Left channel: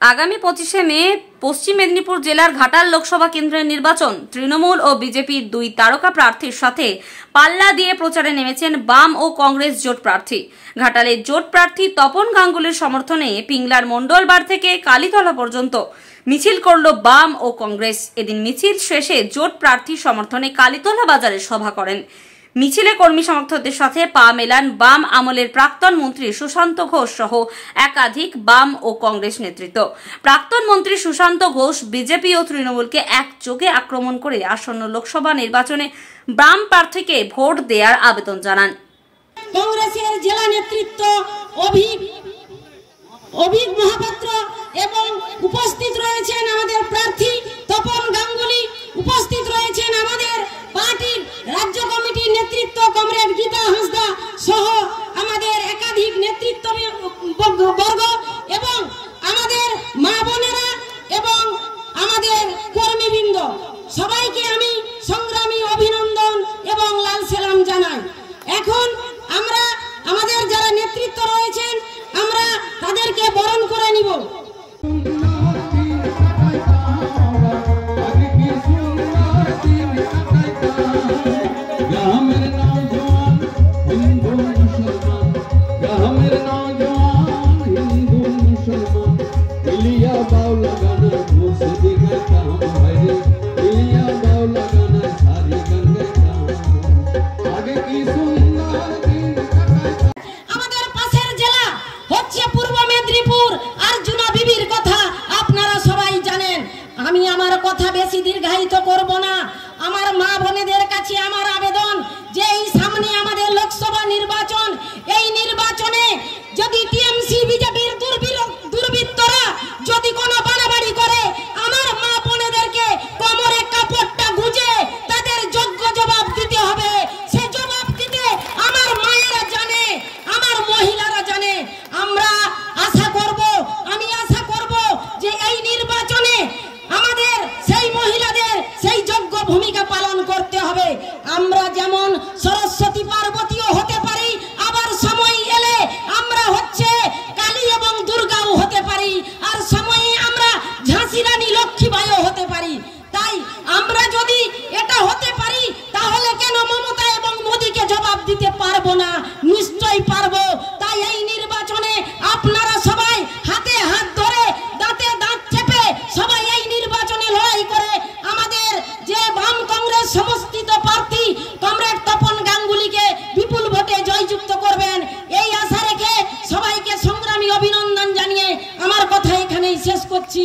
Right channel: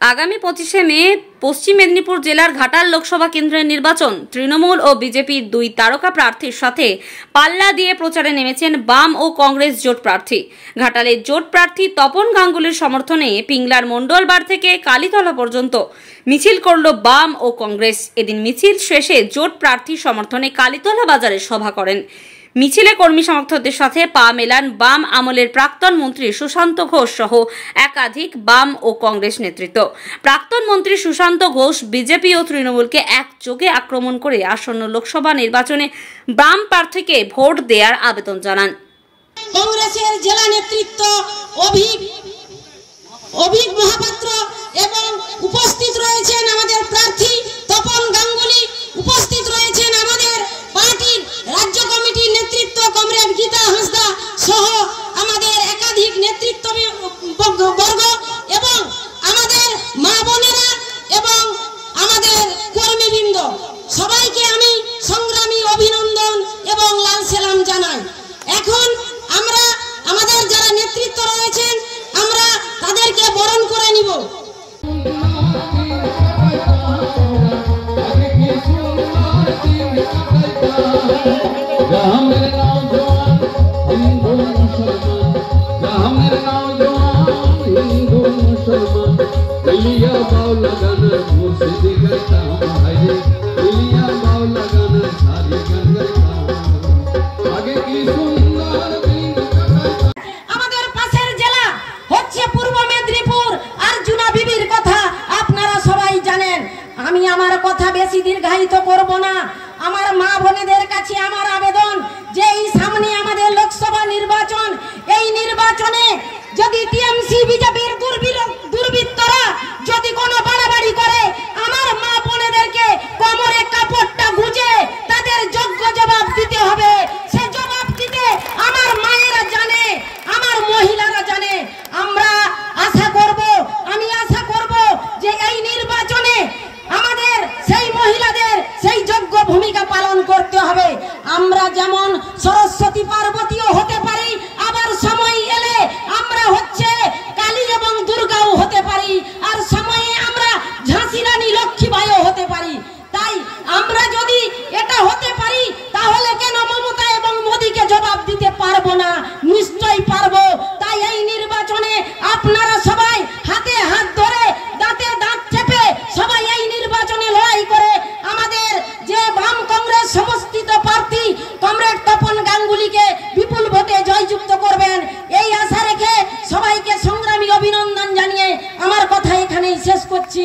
আগামী 25শে মে পশ্চিম মেদিনীপুর জেলার ঘাটাল লোকসভা কেন্দ্রের নির্বাচন। তৃণমূল ও বিজেপির দুই তারকা প্রার্থীর সাথে পাল্লা দিয়ে প্রচারে নেমেছেন বাম ও কংগ্রেস জোট প্রার্থী। ঘাটালের জোট প্রার্থী তপন গাঙ্গুলির সমর্থনে পিংলার মণ্ডলবার থেকে কালীতলা পর্যন্ত মিছিল করল বাম ও কংগ্রেস। এদিন মিছিল শেষে জোট প্রার্থীর সমর্থনে কালীতলা বাজারে সভা করেন। মিছিলে কর্মী সমর্থকদের সাথে পা মেলান বাম আমলের প্রাক্তন মন্ত্রী সুশান্ত ঘোষ সহ একাধিক বাম ও কংগ্রেস নেতৃত্ব। প্রাক্তন মন্ত্রী সুশান্ত ঘোষ বিজেপি ও তৃণমূলকে একযোগে আক্রমণ করে আসন্ন লোকসভা নির্বাচনে বাম প্রার্থীকে ভোট দেওয়ার আবেদন জানান। কংগ্রেসের জেলা নেতৃত্ব অভিক মহাপাত্র এবং উপস্থিত রয়েছেন আমাদের প্রার্থী তপন গাঙ্গুলি, উপস্থিত রয়েছেন আমাদের পার্টির রাজ্য কমিটির নেতৃত্ব কমরেড গীতা হাঁসদা সহ আমাদের একাধিক নেতৃত্ব বর্গ এবং আমাদের মা বোনেরা এবং আমাদের কর্মীবৃন্দ, সবাইকে আমি সংগ্রামী অভিনন্দন এবং লাল সালাম জানাই। এখন আমরা আমাদের যারা নেতৃত্ব রয়েছেন আমরা তাদেরকে বরণ করে নিব। আমাদের পাশের জেলা হচ্ছে পূর্ব মেদিনীপুর। আর্জুনা বিবির কথা আপনারা সবাই জানেন। আমি আমার কথা বেশি দীর্ঘায়িত করব না। আমার মা বোনেদের কাছে আমার আবেদন যে এই সামনে আমাদের লোকসভা নির্বাচন, এই নির্বাচনে যদি টিএমসি বিজেপির দুর্বৃত্তরা যদি কোনো বাড়াবাড়ি করে, আমার মা বোনেদেরকে কোমরে কাপড়টা গুঁজে তাদের যোগ্য জবাব দিতে হবে। সে জবাব দিতে আমার মায়েরা জানে, আমার মহিলারা জানে। আমরা আশা করব, আমি আশা করব যে এই নির্বাচনে আমাদের সেই মহিলাদের সেই যোগ্য ভূমিকা পালন করতে হবে। আমরা যেমন সরস্বতী পার্বতীও হতে পারি, আবার সময় এলে আমরা হচ্ছে কালী এবং দুর্গাও হতে পারি, আর সময়ে আমরা ঝাঁসি রানী লক্ষ্মীবাইও হতে পারি। তাই আমরা যদি এটা হতে পারি তাহলে কেন মমতা এবং মোদীকে জবাব দিতে পারবো না? নিশ্চয়ই পারবো। তাই এই নির্বাচনে আপনারা সবাই হাতে হাত ধরে দাঁতে দাঁত চেপে সবাই এই নির্বাচনে লড়াই করে আমাদের যে বাম কংগ্রেস সমর্থিত প্রার্থী কমরেড তপন গাঙ্গুলিকে বিপুল ভোটে জয়যুক্ত করবেন, এই আশা রেখে সবাইকে সংগ্রামী অভিনন্দন জানিয়ে আমার কথা এখানেই শেষ করছি।